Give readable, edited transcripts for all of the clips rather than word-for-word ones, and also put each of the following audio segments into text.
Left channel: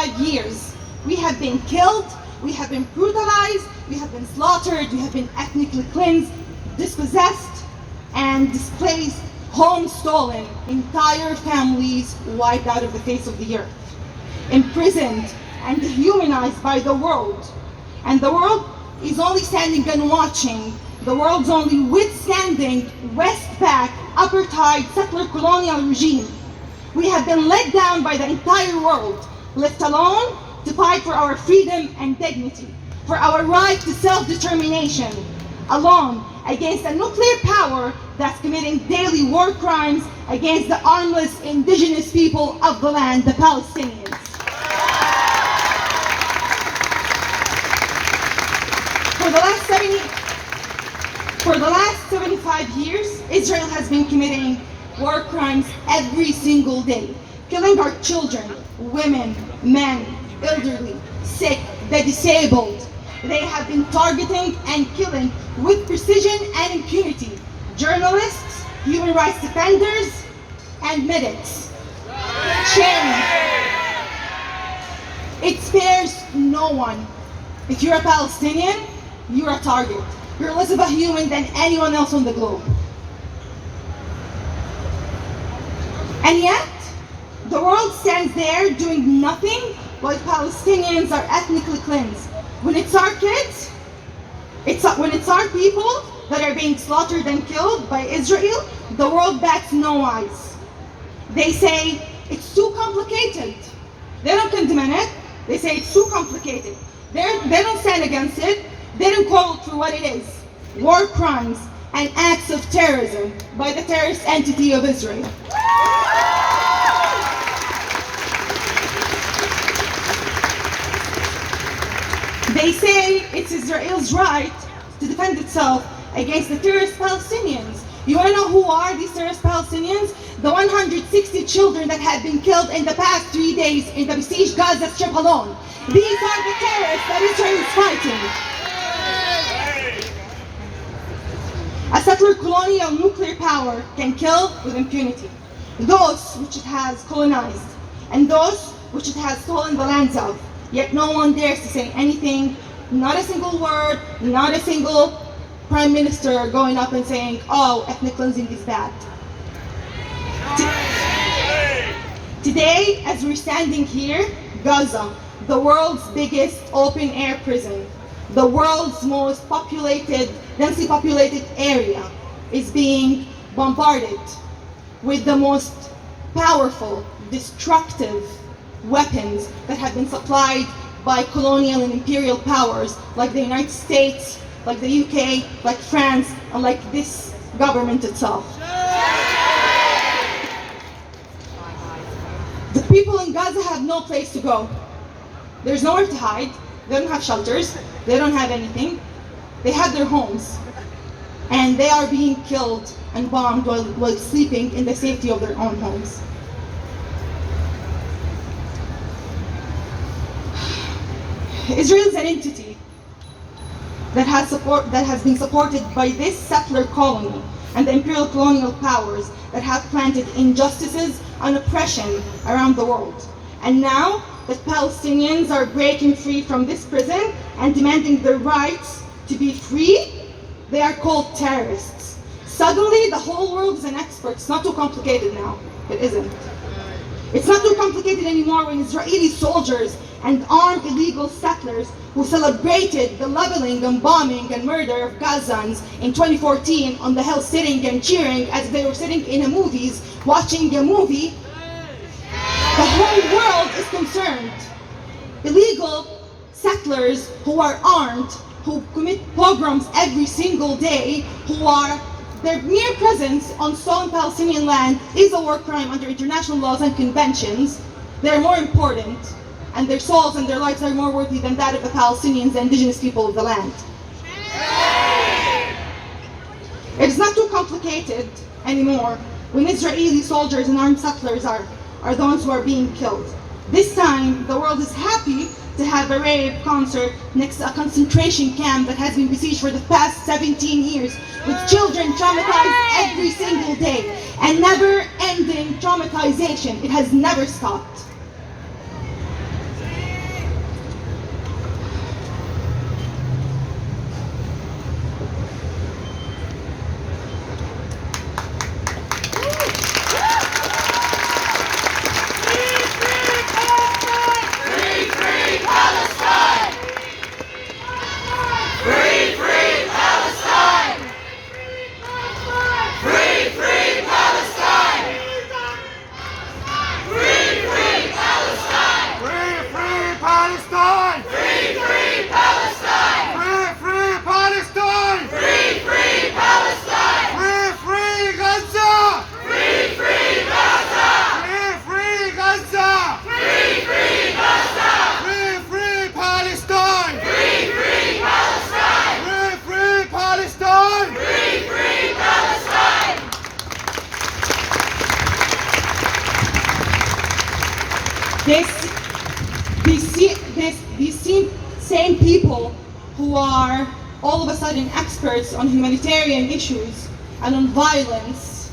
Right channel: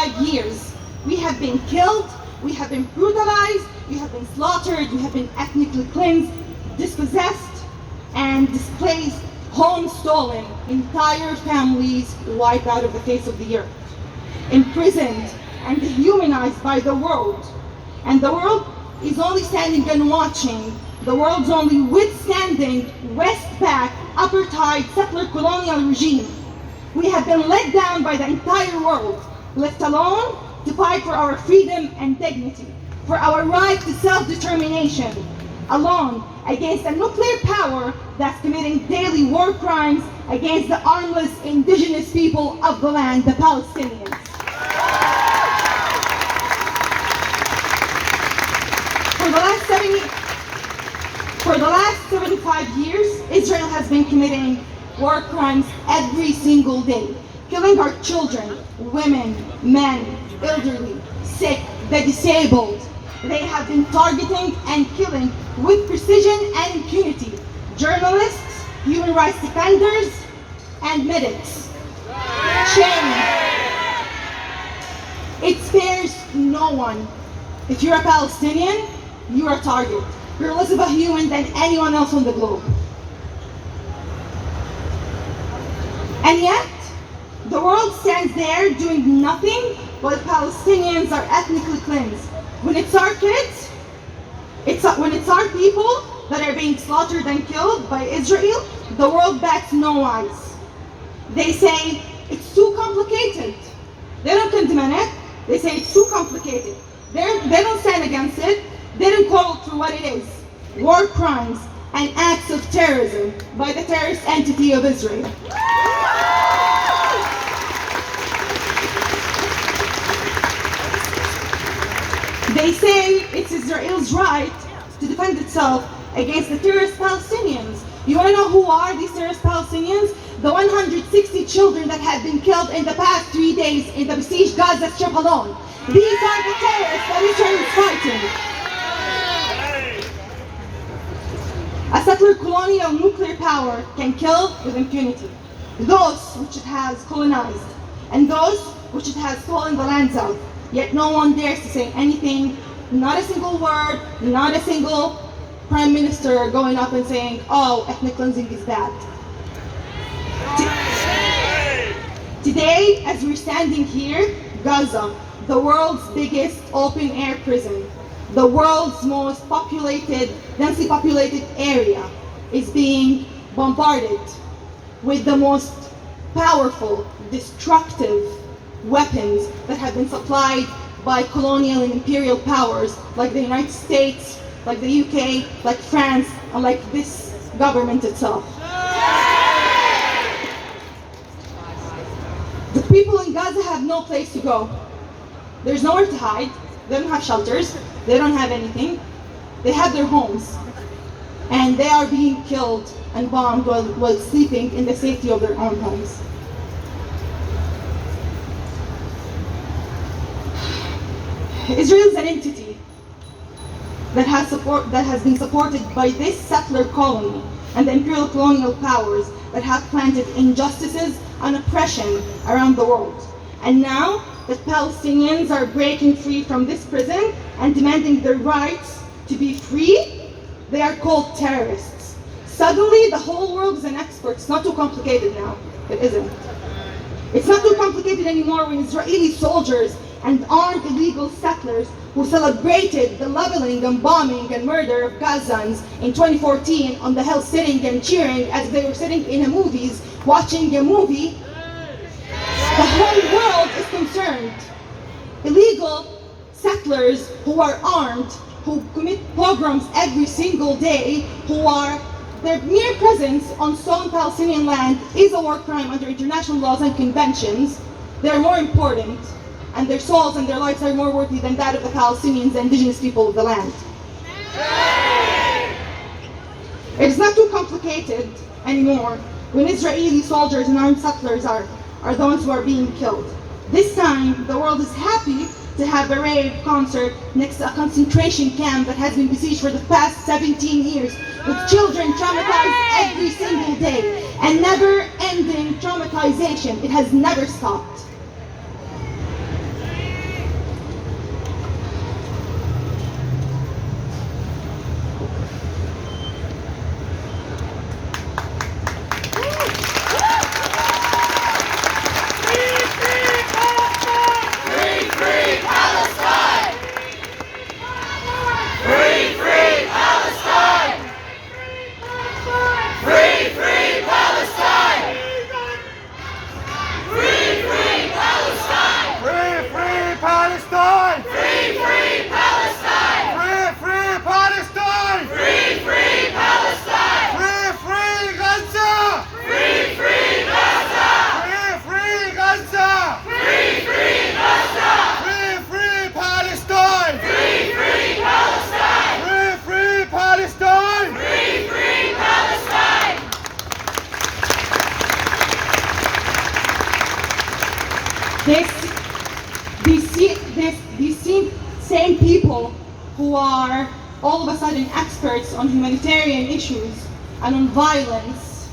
75 years, we have been killed, we have been brutalized, we have been slaughtered, we have been ethnically cleansed, dispossessed, and displaced, homes stolen, entire families wiped out of the face of the earth, imprisoned and dehumanized by the world. And the world is only standing and watching. The world's only withstanding Westpac, apartheid, settler colonial regime. We have been let down by the entire world, left alone to fight for our freedom and dignity, for our right to self-determination, alone against a nuclear power that's committing daily war crimes against the armless indigenous people of the land, the Palestinians. For the last 75 years, Israel has been committing war crimes every single day, killing our children, women, men, elderly, sick, the disabled. They have been targeting and killing with precision and impunity journalists, human rights defenders, and medics. Shame. It spares no one. If you're a Palestinian, you're a target. You're less of a human than anyone else on the globe. And yet, the world stands there doing nothing while Palestinians are ethnically cleansed. When it's our kids, when it's our people that are being slaughtered and killed by Israel, the world bats no eyes. They say, it's too complicated. They don't condemn it. They say it's too complicated. They don't stand against it. They don't call it for what it is. War crimes and acts of terrorism by the terrorist entity of Israel. They say it's Israel's right to defend itself against the terrorist Palestinians. You want to know who are these terrorist Palestinians? The 160 children that have been killed in the past 3 days in the besieged Gaza Strip alone. These are the terrorists that Israel is fighting. A settler colonial nuclear power can kill with impunity those which it has colonized and those which it has stolen the lands of. Yet no one dares to say anything, not a single word, not a single prime minister going up and saying, oh, ethnic cleansing is bad. Today, as we're standing here, Gaza, the world's biggest open-air prison, the world's most densely populated area, is being bombarded with the most powerful, destructive weapons that have been supplied by colonial and imperial powers like the United States, like the UK, like France, and like this government itself. The people in Gaza have no place to go. There's nowhere to hide. They don't have shelters. They don't have anything. They have their homes. And they are being killed and bombed while sleeping in the safety of their own homes. Israel is an entity that has been supported by this settler colony and the imperial colonial powers that have planted injustices and oppression around the world. And now that Palestinians are breaking free from this prison and demanding their rights to be free, they are called terrorists. Suddenly, the whole world is an expert. It's not too complicated now. It isn't. It's not too complicated anymore when Israeli soldiers and armed illegal settlers who celebrated the leveling and bombing and murder of Gazans in 2014 on the hill sitting and cheering as they were sitting in a movies, watching a movie. The whole world is concerned. Illegal settlers who are armed, who commit pogroms every single day, their mere presence on stolen Palestinian land is a war crime under international laws and conventions. They're more important, and their souls and their lives are more worthy than that of the Palestinians, the indigenous people of the land. It's not too complicated anymore when Israeli soldiers and armed settlers are the ones who are being killed. This time, the world is happy to have a rave concert next to a concentration camp that has been besieged for the past 17 years, with children traumatized every single day, and never-ending traumatization. It has never stopped. This, these same people who are all of a sudden experts on humanitarian issues and on violence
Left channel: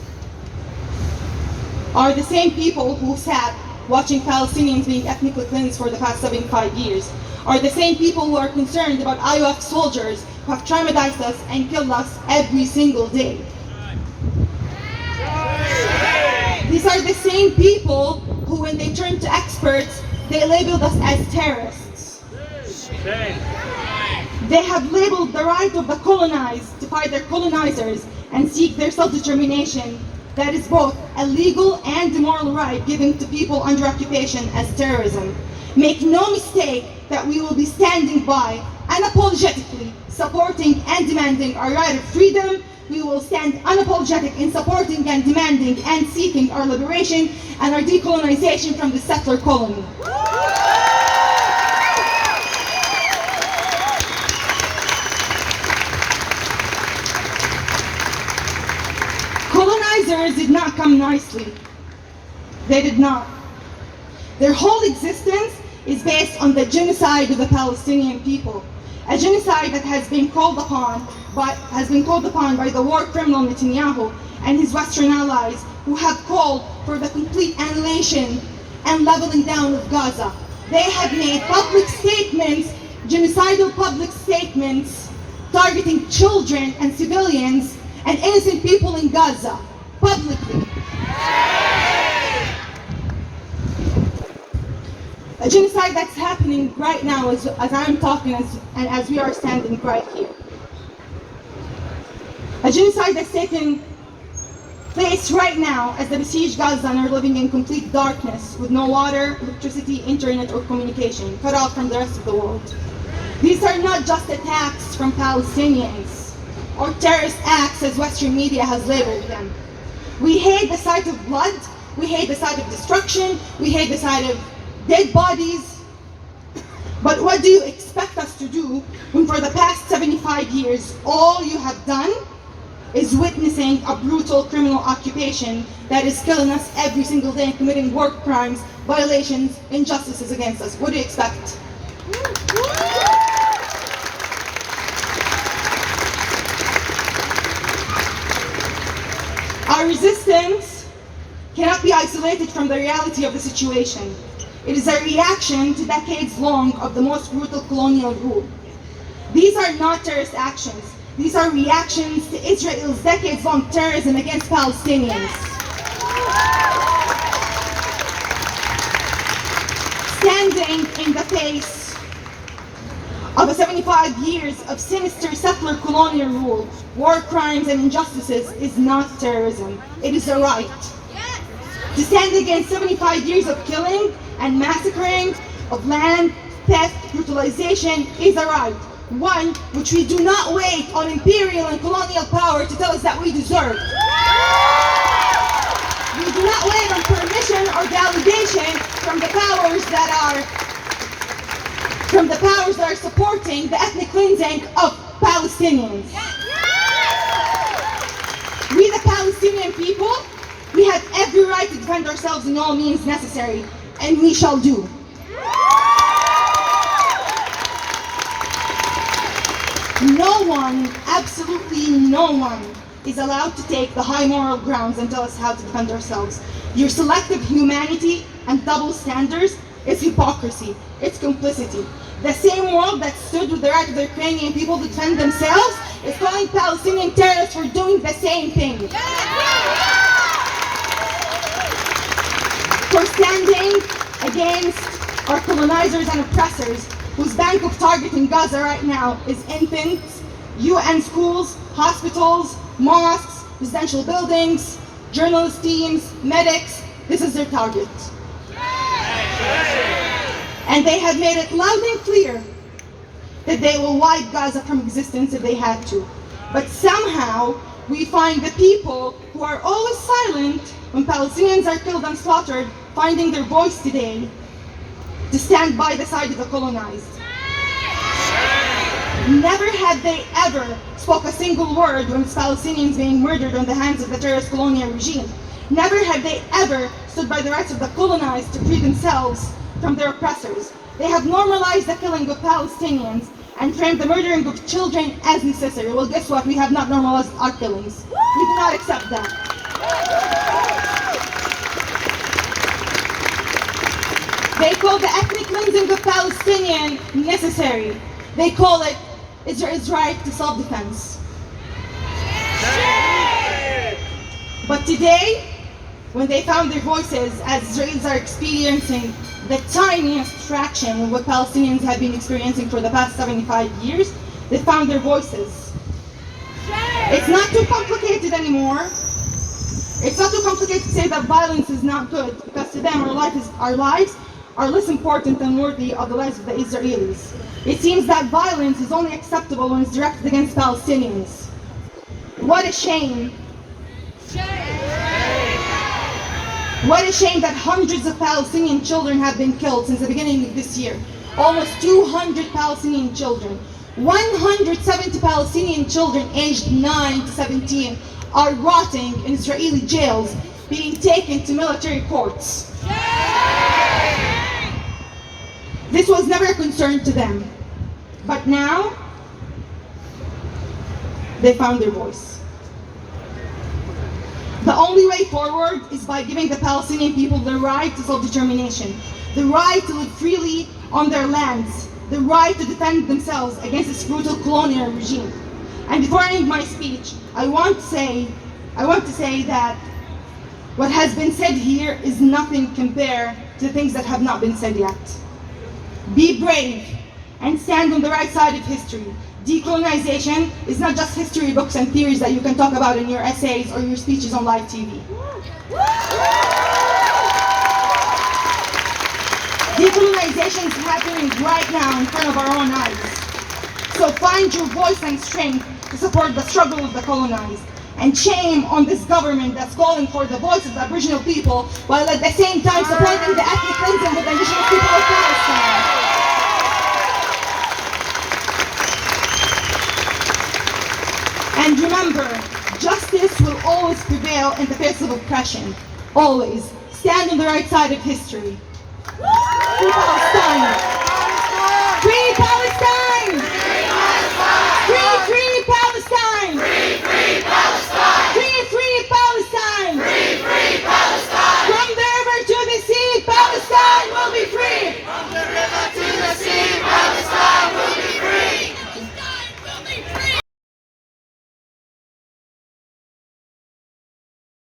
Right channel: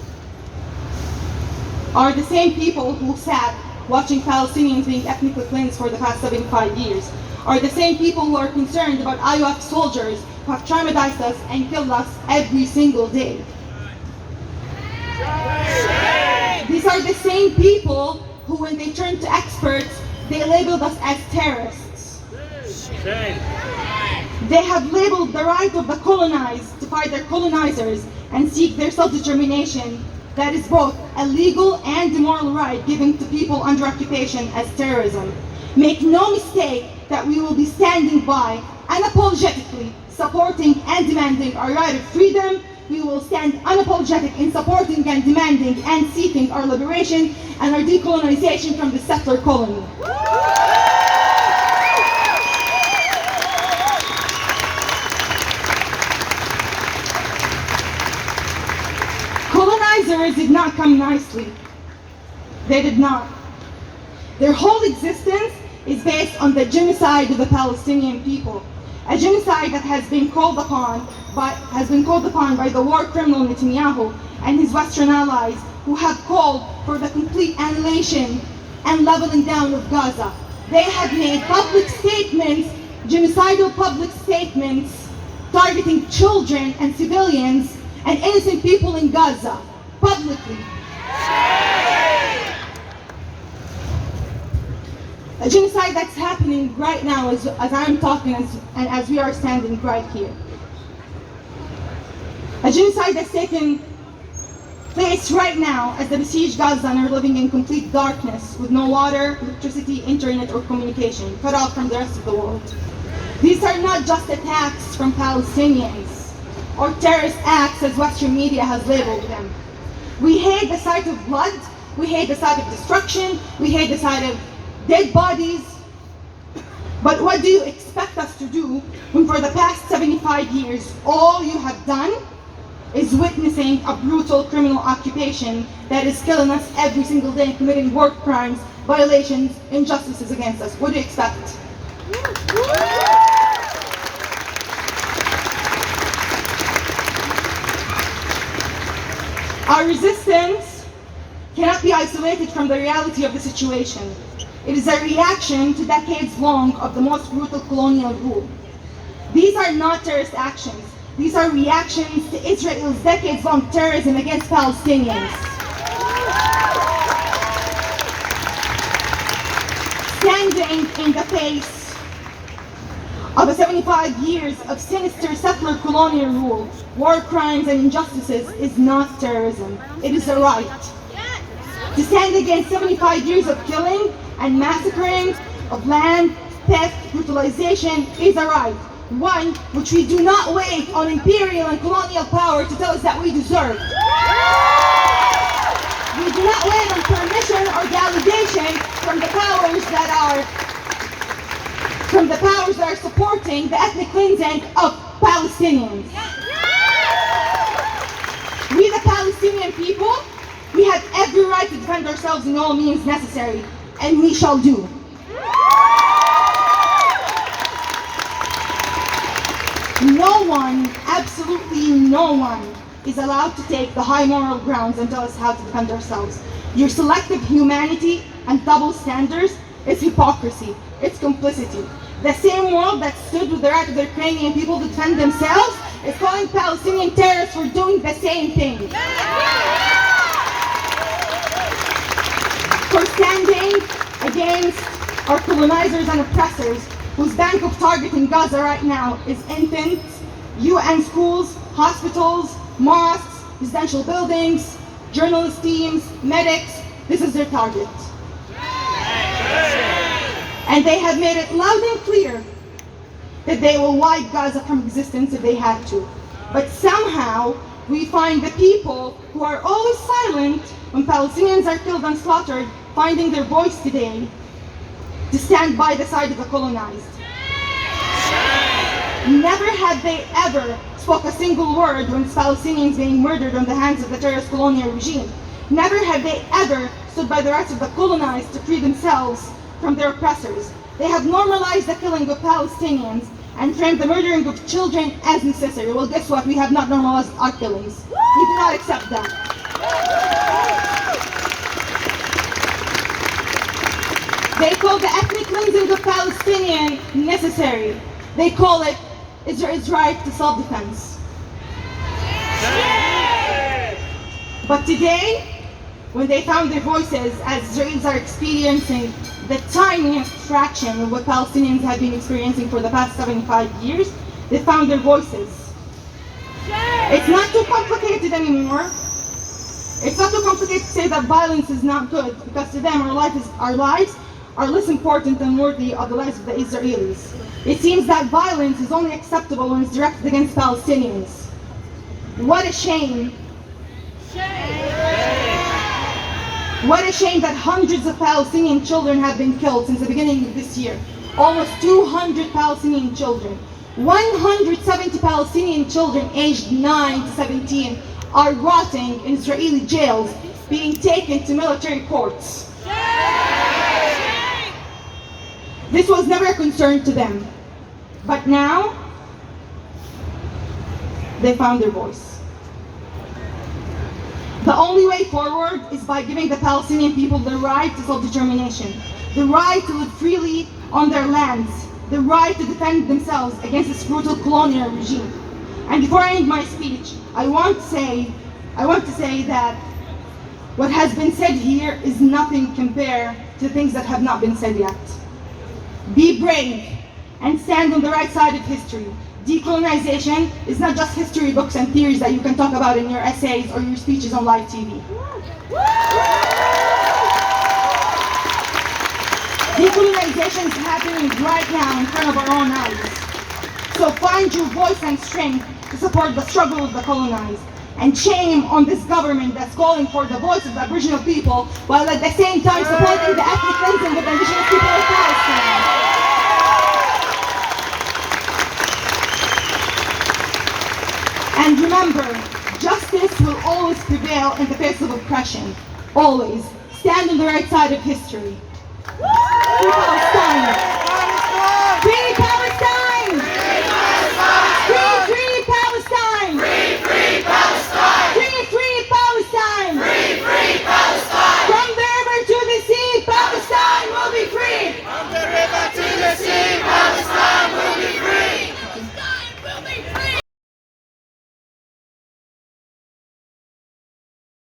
are the same people who sat watching Palestinians being ethnically cleansed for the past 75 years, are the same people who are concerned about IOF soldiers who have traumatized us and killed us every single day. These are the same people who, when they turned to experts, they labeled us as terrorists. They have labeled the right of the colonized to fight their colonizers and seek their self-determination that is both a legal and immoral right given to people under occupation as terrorism. Make no mistake that we will be standing by unapologetically supporting and demanding our right of freedom. We will stand unapologetic in supporting and demanding and seeking our liberation and our decolonization from the settler colony. Colonizers did not come nicely. They did not. Their whole existence is based on the genocide of the Palestinian people. A genocide that has been called upon by the war criminal Netanyahu and his Western allies, who have called for the complete annihilation and leveling down of Gaza. They have made public statements, genocidal public statements, targeting children and civilians and innocent people in Gaza, publicly. A genocide that's happening right now as I'm talking and as we are standing right here. A genocide that's taking place right now as the besieged Gazan are living in complete darkness with no water, electricity, internet, or communication, cut off from the rest of the world. These are not just attacks from Palestinians or terrorist acts as Western media has labeled them. We hate the sight of blood, we hate the sight of destruction, we hate the sight of dead bodies. But what do you expect us to do when for the past 75 years all you have done is witnessing a brutal criminal occupation that is killing us every single day and committing war crimes, violations, injustices against us? What do you expect? Our resistance cannot be isolated from the reality of the situation. It is a reaction to decades long of the most brutal colonial rule. These are not terrorist actions. These are reactions to Israel's decades-long terrorism against Palestinians. Standing in the face of 75 years of sinister settler colonial rule, war crimes and injustices is not terrorism. It is a right. To stand against 75 years of killing and massacring of land, theft, brutalization is a right. One which we do not wait on imperial and colonial power to tell us that we deserve. We do not wait on permission or delegation from the powers that are supporting the ethnic cleansing of Palestinians. We, the Palestinian people, we have every right to defend ourselves in all means necessary, and we shall do. No one, absolutely no one, is allowed to take the high moral grounds and tell us how to defend ourselves. Your selective humanity and double standards is hypocrisy, it's complicity. The same world that stood with the right of the Ukrainian people to defend themselves is calling Palestinian terrorists for doing the same thing. For standing against our colonizers and oppressors, whose bank of target in Gaza right now is infants, UN schools, hospitals, mosques, residential buildings, journalist teams, medics. This is their target. And they have made it loud and clear that they will wipe Gaza from existence if they have to. But somehow, we find the people who are always silent when Palestinians are killed and slaughtered, finding their voice today to stand by the side of the colonized. Never had they ever spoke a single word when Palestinians being murdered on the hands of the terrorist colonial regime. Never had they ever stood by the rights of the colonized to free themselves from their oppressors. They have normalized the killing of Palestinians and framed the murdering of children as necessary. Well, guess what? We have not normalized our killings. We do not accept that. They call the ethnic cleansing of Palestinians necessary. They call it Israel's right to self-defense. But today, when they found their voices, as Israelis are experiencing the tiniest fraction of what Palestinians have been experiencing for the past 75 years, they found their voices. It's not too complicated anymore. It's not too complicated to say that violence is not good, because to them our lives are less important and worthy of the lives of the Israelis. It seems that violence is only acceptable when it's directed against Palestinians. What a shame. What a shame that hundreds of Palestinian children have been killed since the beginning of this year. Almost 200 Palestinian children. 170 Palestinian children aged 9 to 17 are rotting in Israeli jails, being taken to military courts. This was never a concern to them. But now, they found their voice. The only way forward is by giving the Palestinian people the right to self-determination, the right to live freely on their lands, the right to defend themselves against this brutal colonial regime. And before I end my speech, I want to say that what has been said here is nothing compared to things that have not been said yet. Be brave and stand on the right side of history. Decolonization is not just history books and theories that you can talk about in your essays or your speeches on live TV. Decolonization is happening right now in front of our own eyes. So find your voice and strength to support the struggle of the colonized. And shame on this government that's calling for the voice of the Aboriginal people while at the same time supporting the ethnic cleansing of the indigenous people of Palestine. And remember, justice will always prevail in the face of oppression. Always. Stand on the right side of history. Free Palestine.